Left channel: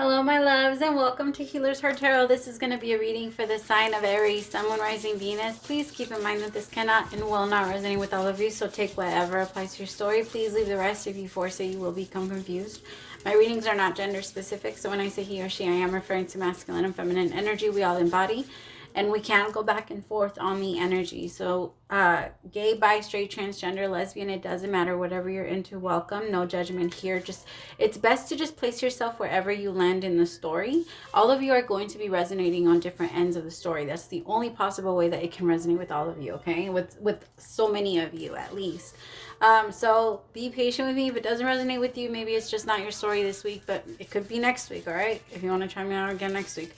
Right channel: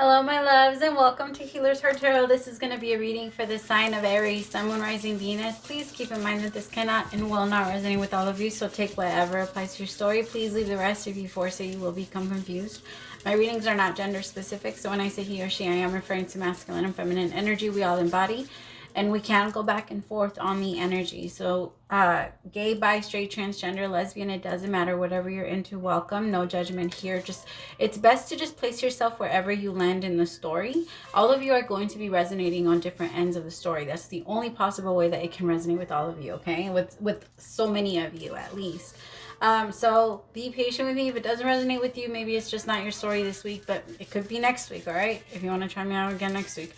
Hello, my loves, and welcome to Healer's Heart Tarot. This is going to be a reading for the sign of Aries, Sun, Moon, Rising, Venus. Please keep in mind that this cannot and will not resonate with all of you, so take whatever applies to your story. Please leave the rest. If you force it, you will become confused. My readings are not gender specific, so when I say he or she, I am referring to masculine and feminine energy we all embody. And we can go back and forth on the energy. So gay, bi, straight, transgender, lesbian, it doesn't matter. Whatever you're into, welcome. No judgment here. Just it's best to just place yourself wherever you land in the story. All of you are going to be resonating on different ends of the story. That's the only possible way that it can resonate with all of you, okay? With so many of you at least. So be patient with me. If it doesn't resonate with you, maybe it's just not your story this week, but it could be next week, all right? If you want to try me out again next week.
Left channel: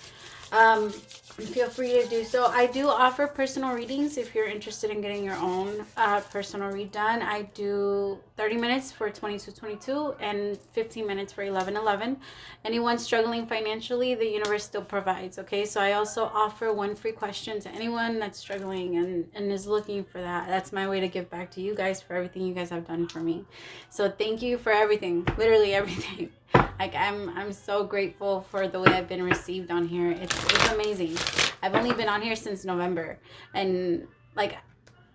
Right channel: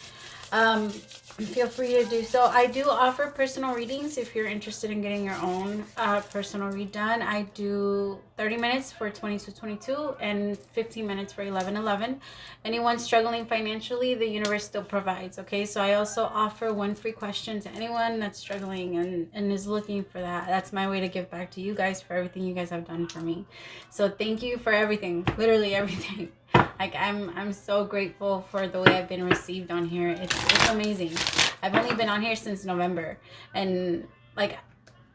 Feel free to do so. I do offer personal readings if you're interested in getting your own personal read done. I do 30 minutes for 2222 and 15 minutes for 1111. Anyone struggling financially, the universe still provides, okay? So I also offer one free question to anyone that's struggling and is looking for that. That's my way to give back to you guys for everything you guys have done for me. So thank you for everything, literally everything. Like I'm so grateful for the way I've been received on here. It's amazing. I've only been on here since November, and like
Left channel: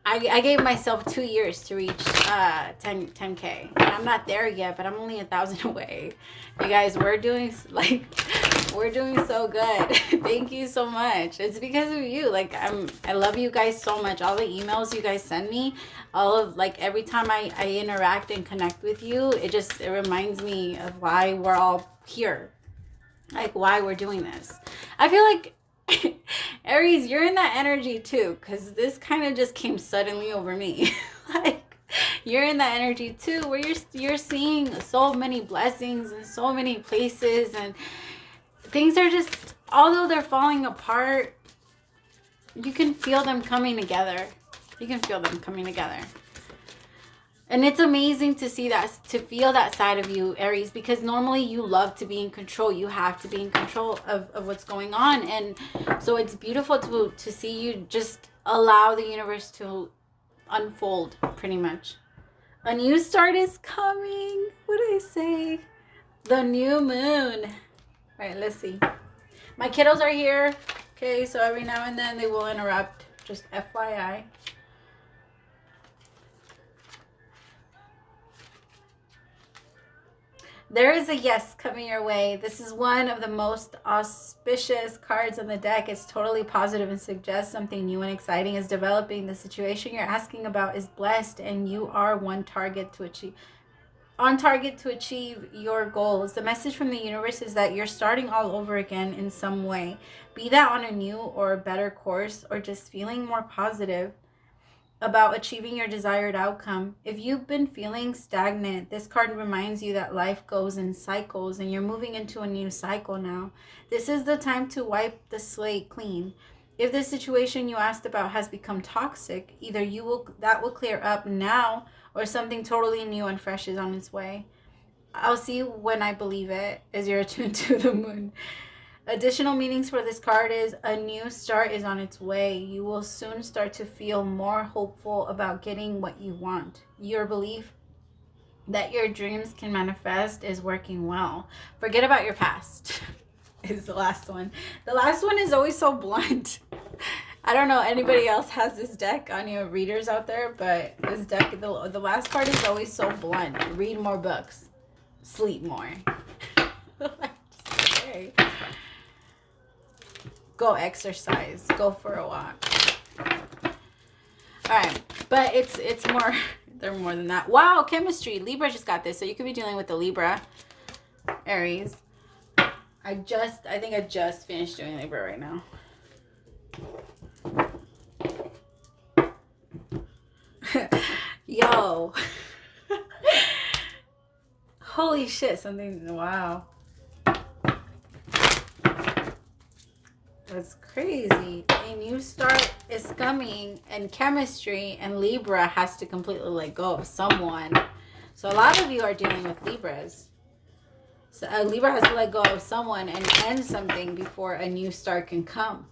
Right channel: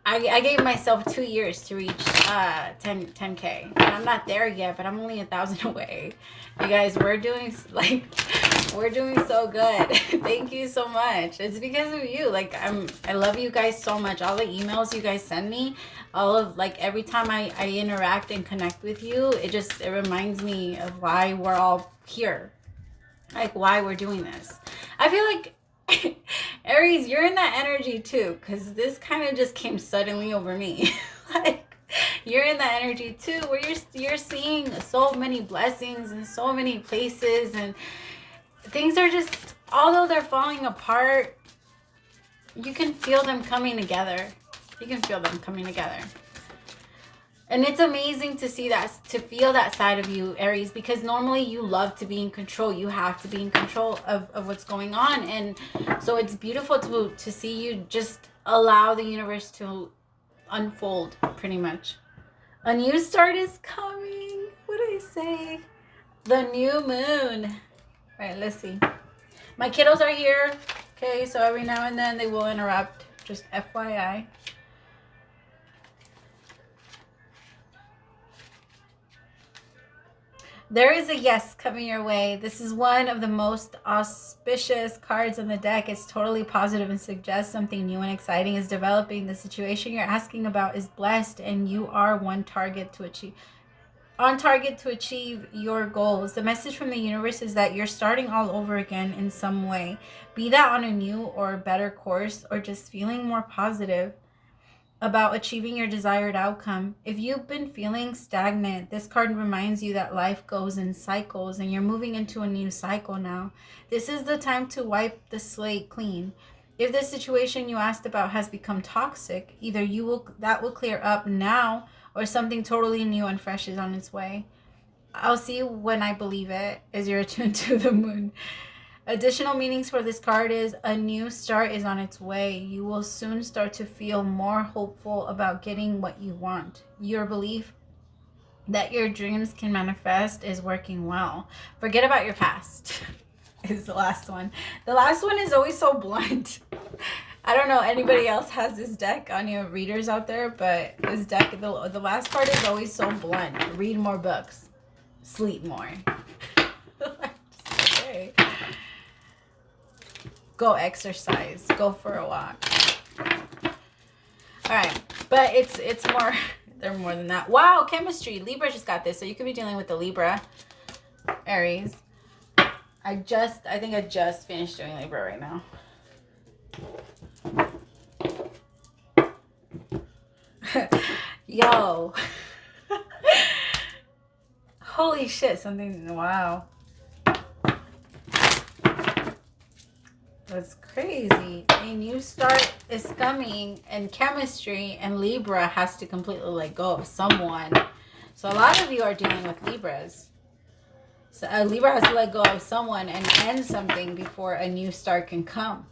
I gave myself 2 years to reach 10K. And I'm not there yet, but I'm only 1,000 away. You guys, we're doing so good. Thank you so much. It's because of you. Like I love you guys so much. All the emails you guys send me, all of like every time I interact and connect with you, it reminds me of why we're all here. Like why we're doing this. I feel like Aries, you're in that energy too, because this kind of just came suddenly over me. Like you're in that energy too, where you're seeing so many blessings in so many places, and things are just, although they're falling apart, you can feel them coming together. You can feel them coming together. And it's amazing to see that, to feel that side of you, Aries, because normally you love to be in control. You have to be in control of what's going on. And so it's beautiful to see you just allow the universe to unfold, pretty much. A new start is coming. What did I say? The new moon. All right, let's see. My kiddos are here. Okay, so every now and then they will interrupt. Just FYI. There is a yes coming your way. This is one of the most auspicious cards on the deck. It's totally positive and suggests something new and exciting is developing. The situation you're asking about is blessed, and you are on target to achieve your goals. The message from the universe is that you're starting all over again in some way. Be that on a new or better course, or just feeling more positive about achieving your desired outcome. If you've been feeling stagnant, this card reminds you that life goes in cycles and you're moving into a new cycle now. This is the time to wipe the slate clean. If the situation you asked about has become toxic, either that will clear up now, or something totally new and fresh is on its way. I'll see you when I believe it, as you're attuned to the moon. Additional meanings for this card is a new start is on its way. You will soon start to feel more hopeful about getting what you want. Your belief that your dreams can manifest is working well. Forget about your past is the last one. The last one is always so blunt. I don't know anybody else has this deck on your readers out there, but this deck, the last card is always so blunt. Read more books. Sleep more. Okay. Go exercise. Go for a walk. All right, but it's more. They're more than that. Wow, chemistry. Libra just got this, so you could be dealing with the Libra, Aries. I think I just finished doing Libra right now. Yo. Holy shit! Wow. That's crazy. A new start is coming, and chemistry, and Libra has to completely let go of someone. So a lot of you are dealing with Libras. So Libra has to let go of someone and end something before a new start can come.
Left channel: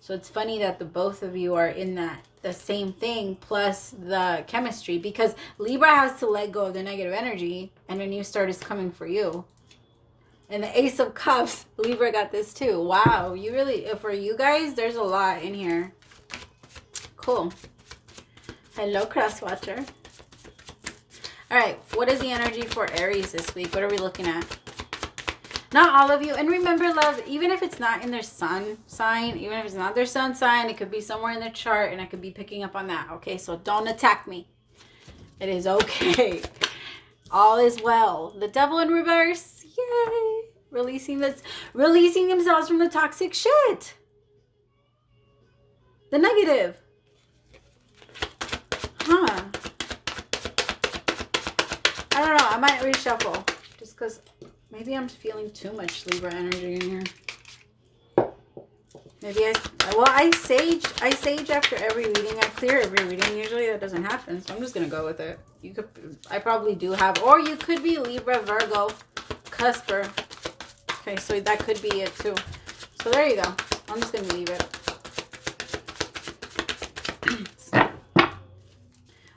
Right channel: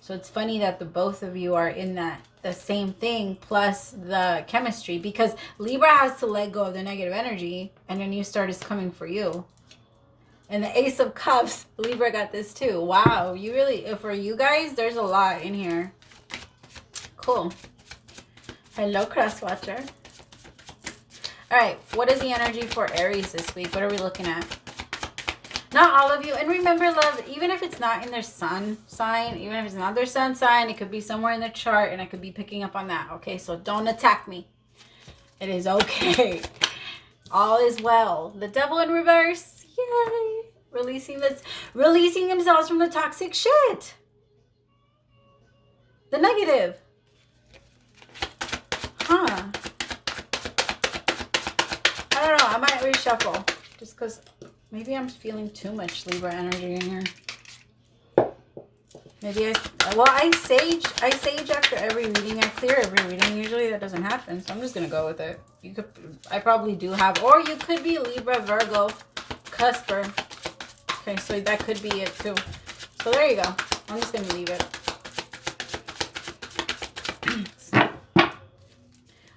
So it's funny that the both of you are in the same thing plus the chemistry, because Libra has to let go of the negative energy and a new start is coming for you. And the Ace of Cups, Libra got this too. Wow, you really, for you guys, there's a lot in here. Cool. Hello, Crosswatcher. All right, what is the energy for Aries this week? What are we looking at? Not all of you. And remember, love, even if it's not in their sun sign, even if it's not their sun sign, it could be somewhere in their chart, and I could be picking up on that. Okay, so don't attack me. It is okay. All is well. The Devil in reverse. Yay. Releasing themselves from the toxic shit. The negative. Huh. I don't know. I might reshuffle. Just because maybe I'm feeling too much Libra energy in here. Maybe I sage after every reading. I clear every reading. Usually that doesn't happen, so I'm just gonna go with it. I probably do have, or you could be Libra, Virgo, Cusper. Okay, so that could be it too. So there you go. I'm just gonna leave it.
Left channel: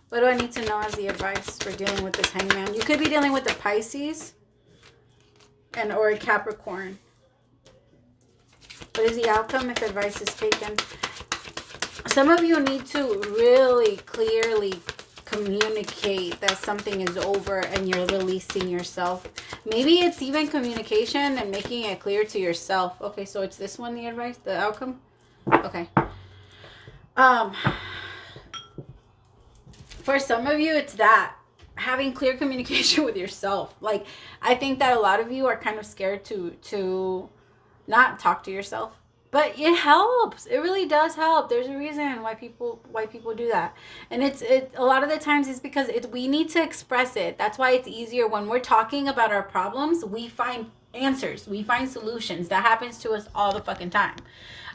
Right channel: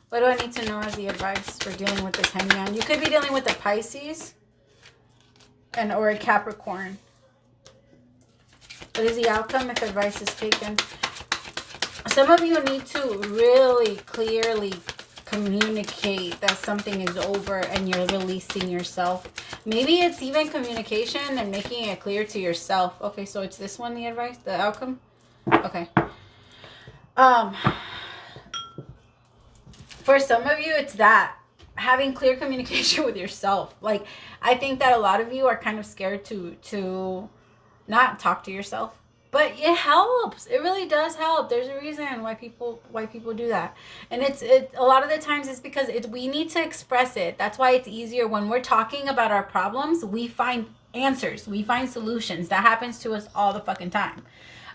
What do I need to know as the advice for dealing with this hangman? You could be dealing with a Pisces or a Capricorn. What is the outcome if advice is taken? Some of you need to really clearly communicate that something is over and you're releasing yourself. Maybe it's even communication and making it clear to yourself. Okay, so it's this one, the advice, the outcome? Okay. For some of you, it's that. Having clear communication with yourself. Like, I think that a lot of you are kind of scared to not talk to yourself. But it helps. It really does help. There's a reason why people do that. And it's a lot of the times it's because we need to express it. That's why it's easier when we're talking about our problems. We find answers. We find solutions. That happens to us all the fucking time.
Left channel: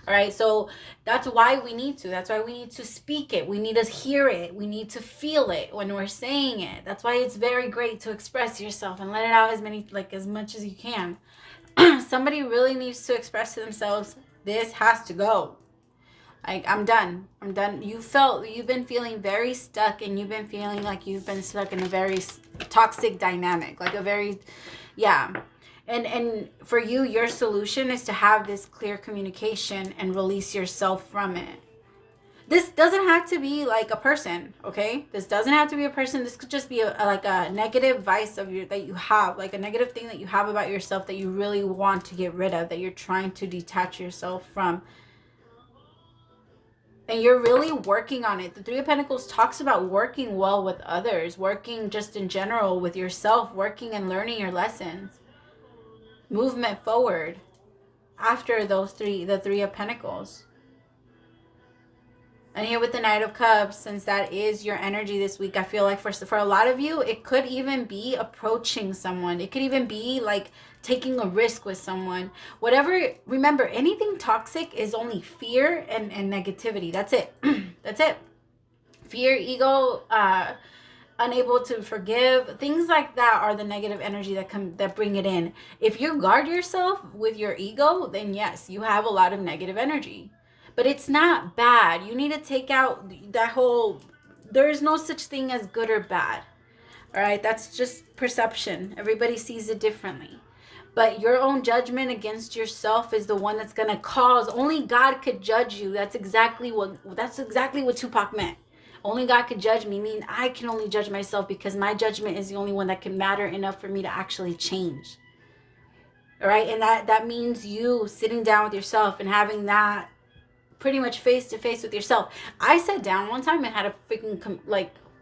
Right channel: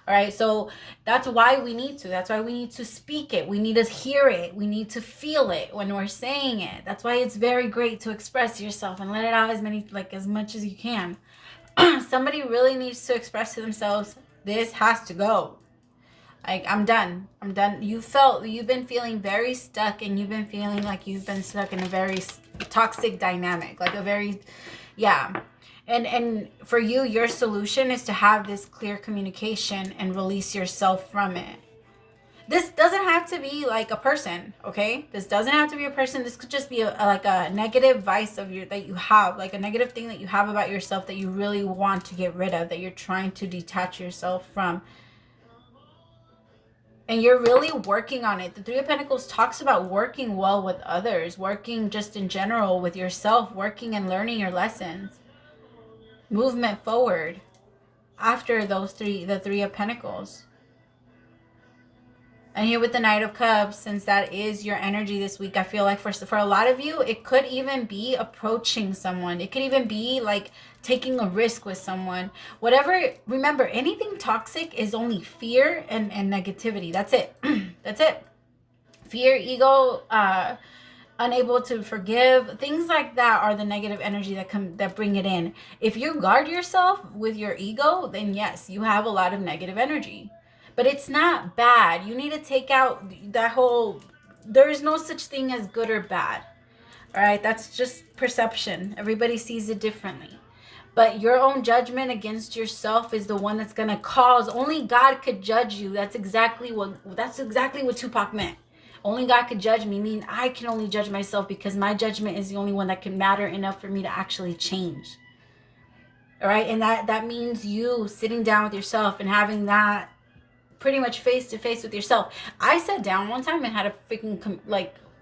All right, so that's why we need to. That's why we need to speak it. We need to hear it. We need to feel it when we're saying it. That's why it's very great to express yourself and let it out as much as you can. Somebody really needs to express to themselves, this has to go. Like, I'm done. You've been feeling very stuck, and you've been feeling like you've been stuck in a very toxic dynamic, like a very, yeah. And for you, your solution is to have this clear communication and release yourself from it. This doesn't have to be like a person, okay? This doesn't have to be a person. This could just be like a negative vice that you have, like a negative thing that you have about yourself that you really want to get rid of, that you're trying to detach yourself from. And you're really working on it. The Three of Pentacles talks about working well with others, working just in general with yourself, working and learning your lessons. Movement forward after the Three of Pentacles. And here with the Knight of Cups, since that is your energy this week, I feel like for a lot of you, it could even be approaching someone. It could even be like taking a risk with someone. Whatever, remember, anything toxic is only fear and negativity. That's it. That's it. Fear, ego, unable to forgive, things like that are the negative energy that bring it in. If you guard yourself with your ego, then yes, you have a lot of negative energy. But it's not bad. You need to take out that whole, there is no such thing as good or bad. All right, that's just perception. Everybody sees it differently. But your own judgment against yourself is the one that's going to cause, only God could judge you. That's exactly what Tupac meant. Only God could judge me. I mean, I can only judge myself because my judgment is the only one that can matter enough for me to actually change. All right, and that means you sitting down with yourself and having that pretty much face to face with yourself. I sat down one time and had a freaking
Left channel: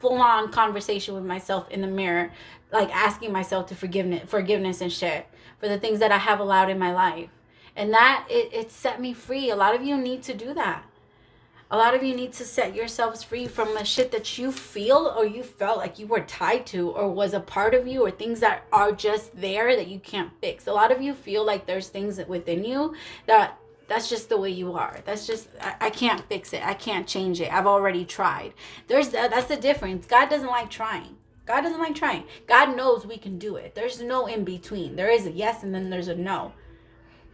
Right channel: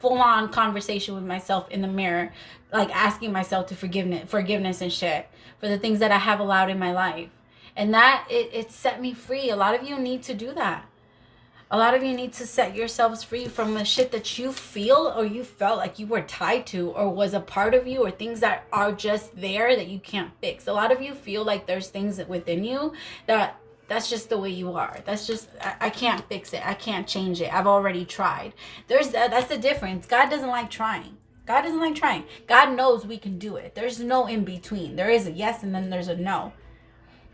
full on conversation with myself in the mirror, like asking myself to forgiveness and shit for the things that I have allowed in my life. And that it set me free. A lot of you need to do that. A lot of you need to set yourselves free from the shit that you feel or you felt like you were tied to or was a part of you, or things that are just there that you can't fix. A lot of you feel like there's things within you that's just the way you are. That's just, I can't fix it. I can't change it. I've already tried. That's the difference. God doesn't like trying. God doesn't like trying. God knows we can do it. There's no in between. There is a yes and then there's a no.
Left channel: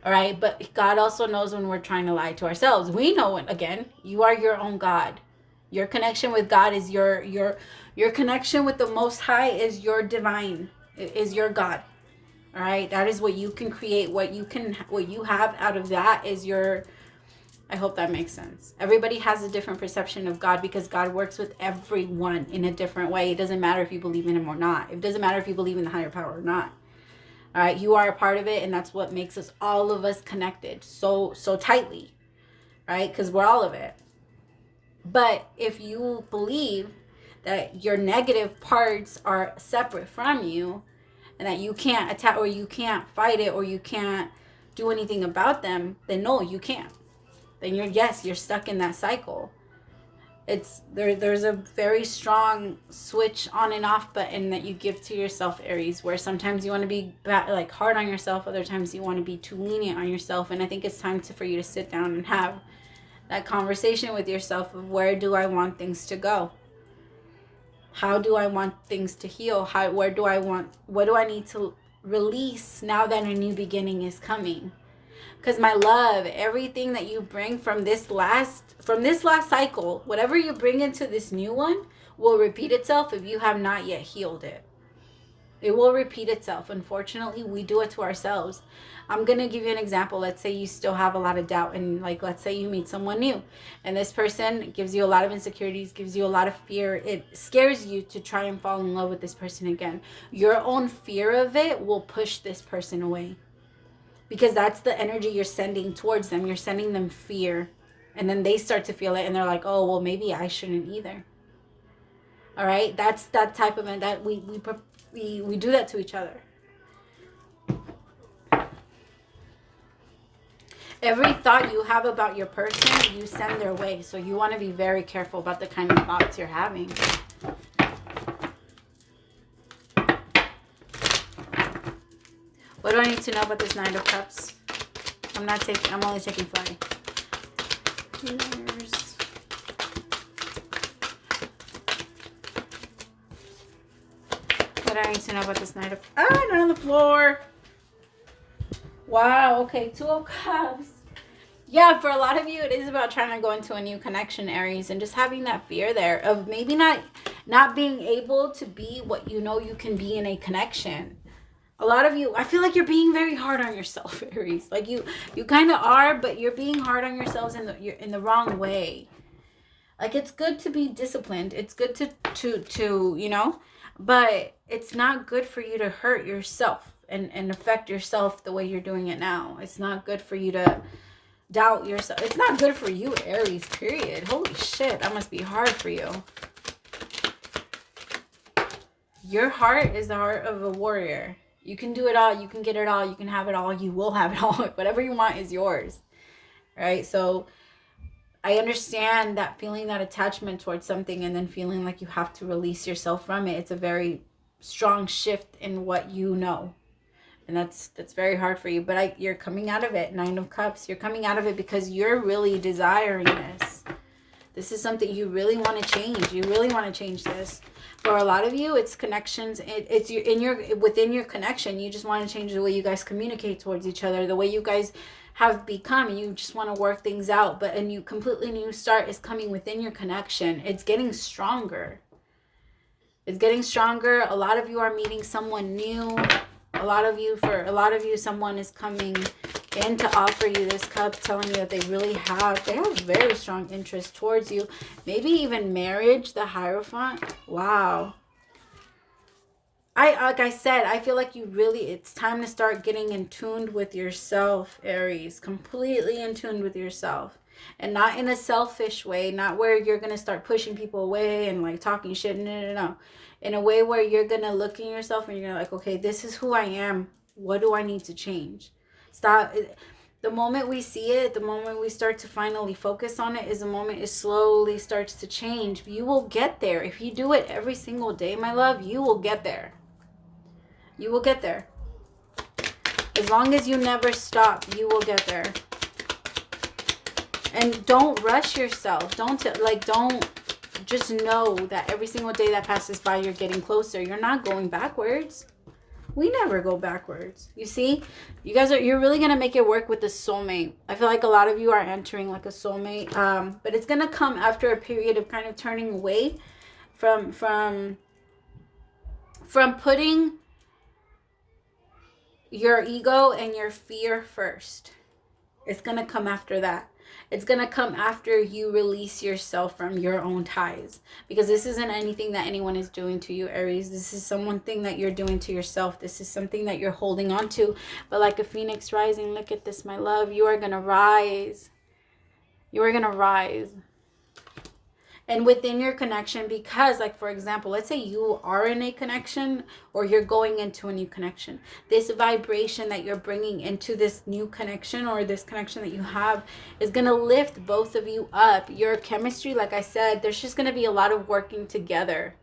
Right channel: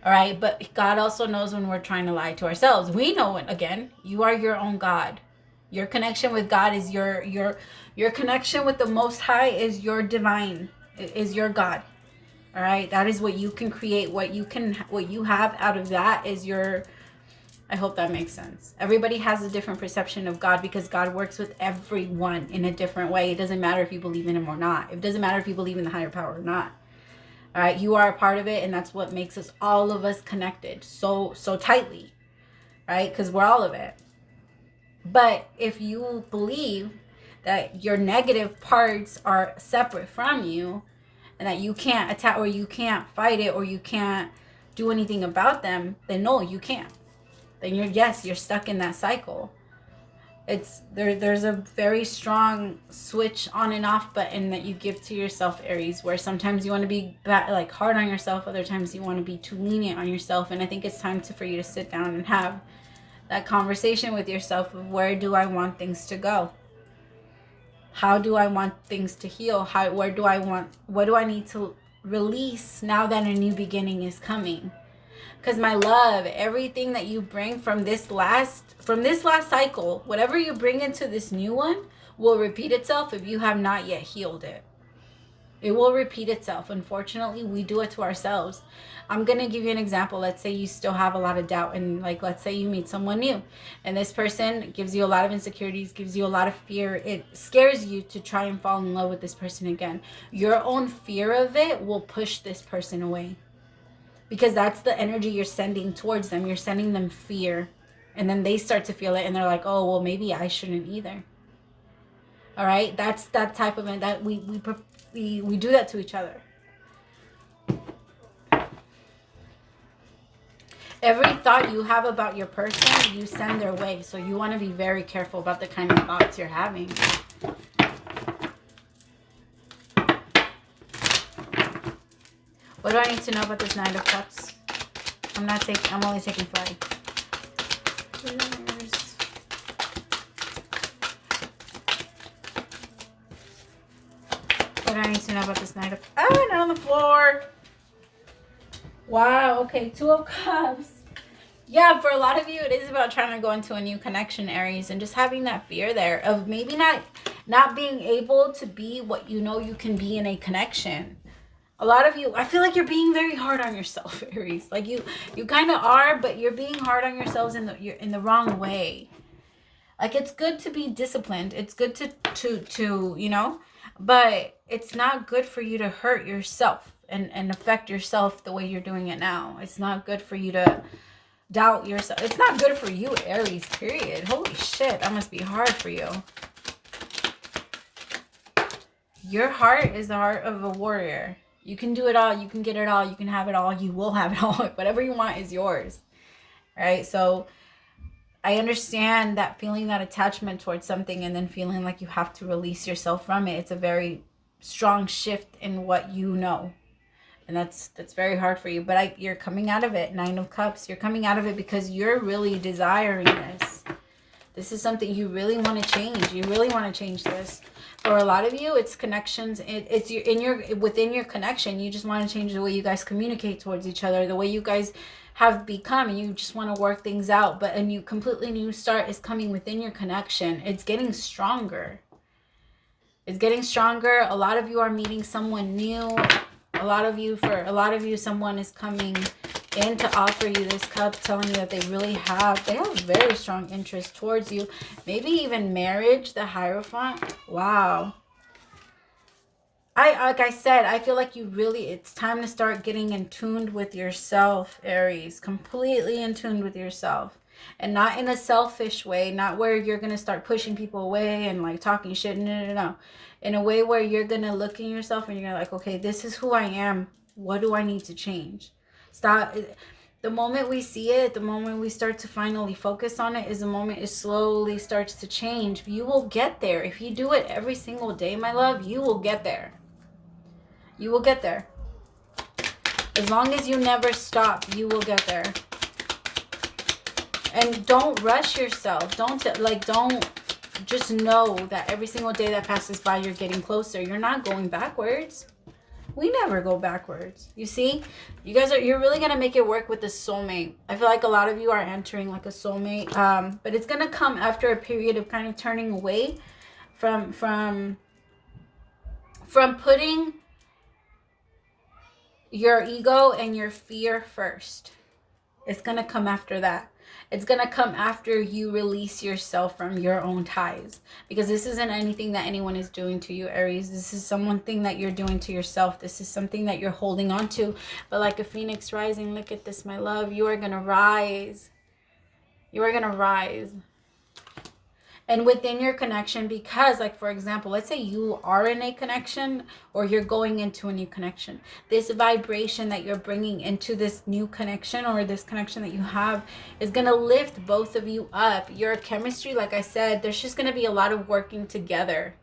All right. But God also knows when we're trying to lie to ourselves. We know it. Again, you are your own God. Your connection with God is your connection with the Most High is your divine, is your God. All right, that is what you can create. What you have out of that is your, I hope that makes sense. Everybody has a different perception of God because God works with everyone in a different way. It doesn't matter if you believe in him or not. It doesn't matter if you believe in the higher power or not. All right, you are a part of it, and that's what makes us, all of us, connected so tightly, right? Because we're all of it. But if you believe that your negative parts are separate from you, and that you can't attack, or you can't fight it, or you can't do anything about them, then no, you can't. Then you're stuck in that cycle. It's there's a very strong switch on and off button that you give to yourself, Aries, where sometimes you want to be like hard on yourself, other times you want to be too lenient on yourself. And I think it's time for you to sit down and have that conversation with yourself of, where do I want things to go? How do I want things to heal? What do I need to release now that a new beginning is coming? Because my love, everything that you bring from this last cycle, whatever you bring into this new one, will repeat itself if you have not yet healed it. It will repeat itself. Unfortunately, we do it to ourselves. I'm going to give you an example. Let's say you still have a lot of doubt, and like, let's say you meet someone new and this person gives you a lot of insecurities, gives you a lot of fear. It scares you to try and fall in love with this person again. Your own fear of it will push this person away, because that's the energy you're sending towards them. You're sending them fear, and then they start to feel it, and they're like, oh, well, maybe I shouldn't either. All right, that's that type of it, that we do that to each other. Every thought you have about your person, you send their way. So you want to be very careful about the kind of thoughts you're having. What do I need to know about this Nine of Cups? I'm only taking 5. What do I need to know about this Nine of... Oh, not on the floor. Wow, okay, 2 of Cups. Yeah, for a lot of you, it is about trying to go into a new connection, Aries, and just having that fear there of maybe not being able to be what you know you can be in a connection. A lot of you, I feel like you're being very hard on yourself, Aries. Like you kind of are, but you're being hard on yourselves you're in the wrong way. Like, it's good to be disciplined. It's good to you know, but it's not good for you to hurt yourself and affect yourself the way you're doing it now. It's not good for you to doubt yourself. It's not good for you, Aries, period. Holy shit, that must be hard for you. Your heart is the heart of a warrior. You can do it all. You can get it all. You can have it all. You will have it all. Whatever you want is yours. Right? So I understand that feeling, that attachment towards something, and then feeling like you have to release yourself from it. It's a very strong shift in what you know. And that's very hard for you. But you're coming out of it. 9 of Cups. You're coming out of it because you're really desiring this. This is something you really want to change. You really want to change this. For a lot of you, it's connections. It's within your connection. You just want to change the way you guys communicate towards each other, the way you guys have become, and you just want to work things out. But a completely new start is coming within your connection. It's getting stronger. It's getting stronger. A lot of you are meeting someone new. For a lot of you, someone is coming in to offer you this cup, telling you that they have very strong interest towards you. Maybe even marriage, the Hierophant. Wow. Like I said, I feel like it's time to start getting in tune with yourself, Aries. Completely in tune with yourself. And not in a selfish way, not where you're going to start pushing people away and like talking shit. No. In a way where you're going to look in yourself and you're like, okay, this is who I am. What do I need to change? Stop. The moment we see it, the moment we start to finally focus on it, is the moment it slowly starts to change. You will get there. If you do it every single day, my love, you will get there. You will get there. As long as you never stop, you will get there. And don't rush yourself. Don't just know that every single day that passes by, you're getting closer. You're not going backwards. We never go backwards. You see, you're really going to make it work with the soulmate. I feel like a lot of you are entering like a soulmate. But it's going to come after a period of kind of turning away from putting your ego and your fear first. It's going to come after that. It's going to come after you release yourself from your own ties. Because this isn't anything that anyone is doing to you, Aries. This is something that you're doing to yourself. This is something that you're holding on to. But like a phoenix rising, look at this, my love. You are going to rise. You are going to rise. And within your connection, because like, for example, let's say you are in a connection or you're going into a new connection. This vibration that you're bringing into this new connection or this connection that you have is going to lift both of you up. Your chemistry, like I said, there's just going to be a lot of working together.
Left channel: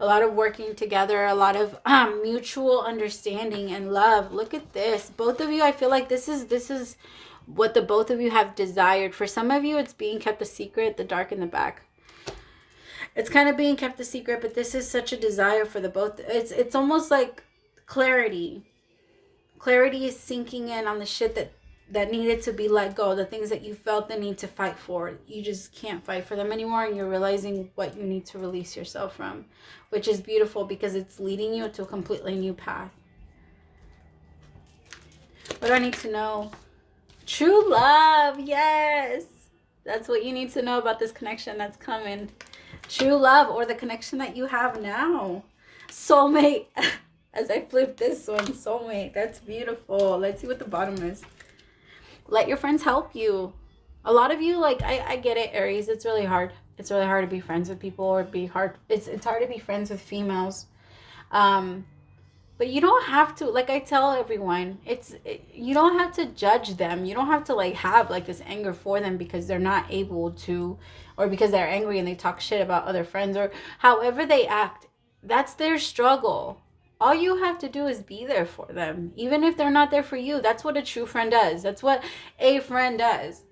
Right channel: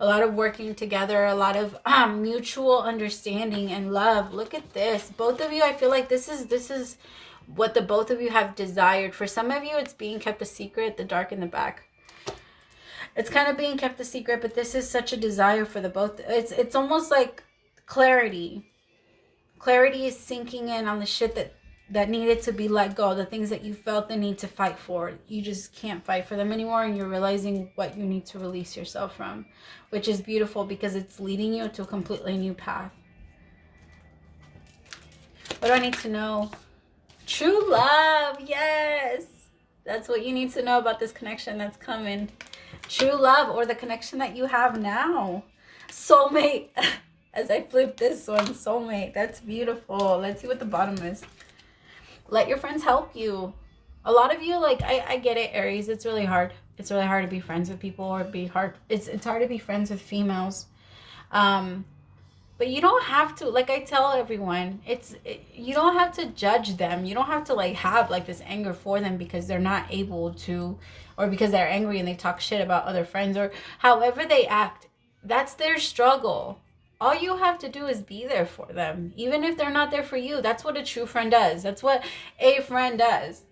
A lot of working together, a lot of mutual understanding and love. Look at this. Both of you, I feel like this is what the both of you have desired. For some of you, it's being kept a secret, the dark in the back. It's kind of being kept a secret, but this is such a desire for the both. It's almost like clarity. Clarity is sinking in on the shit that needed to be let go. The things that you felt the need to fight for. You just can't fight for them anymore, and you're realizing what you need to release yourself from. Which is beautiful because it's leading you to a completely new path. What do I need to know? True love. Yes. That's what you need to know about this connection that's coming. True love, or the connection that you have now. Soulmate. As I flip this one, soulmate. That's beautiful. Let's see what the bottom is. Let your friends help you. A lot of you, like, I get it, Aries. It's really hard. It's really hard to be friends with people, or it's hard to be friends with females. But you don't have to, like I tell everyone, you don't have to judge them. You don't have to like have like this anger for them because they're not able to, or because they're angry and they talk shit about other friends, or however they act. That's their struggle. All you have to do is be there for them. Even if they're not there for you, that's what a true friend does. That's what a friend does.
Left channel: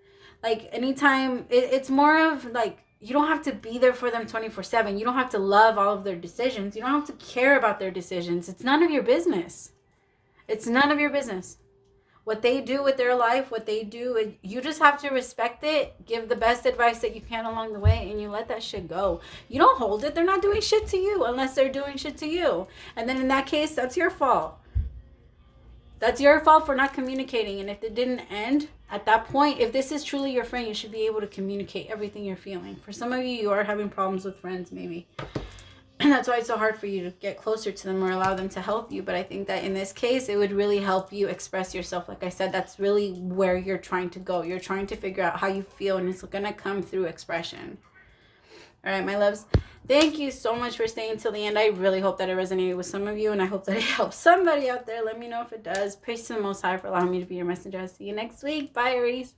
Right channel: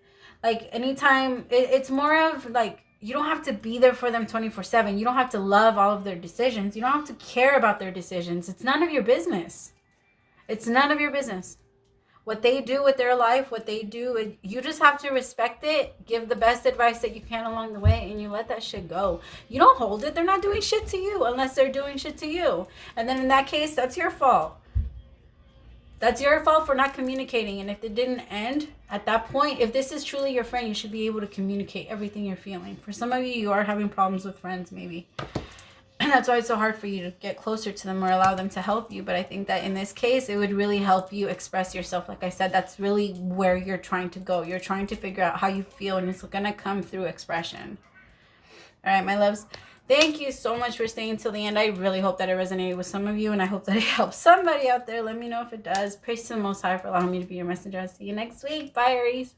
Like anytime, it's more of like, you don't have to be there for them 24/7. You don't have to love all of their decisions. You don't have to care about their decisions. It's none of your business. It's none of your business. What they do with their life, what they do, you just have to respect it, give the best advice that you can along the way, and you let that shit go. You don't hold it. They're not doing shit to you unless they're doing shit to you. And then in that case, that's your fault. That's your fault for not communicating. And if it didn't end at that point, if this is truly your friend, you should be able to communicate everything you're feeling. For some of you, you are having problems with friends, maybe. And that's why it's so hard for you to get closer to them or allow them to help you. But I think that in this case, it would really help you express yourself. Like I said, that's really where you're trying to go. You're trying to figure out how you feel, and it's going to come through expression. All right, my loves. Thank you so much for staying till the end. I really hope that it resonated with some of you, and I hope that it helps somebody out there. Let me know if it does. Praise to the Most High for allowing me to be your messenger. I'll see you next week. Bye, Aries.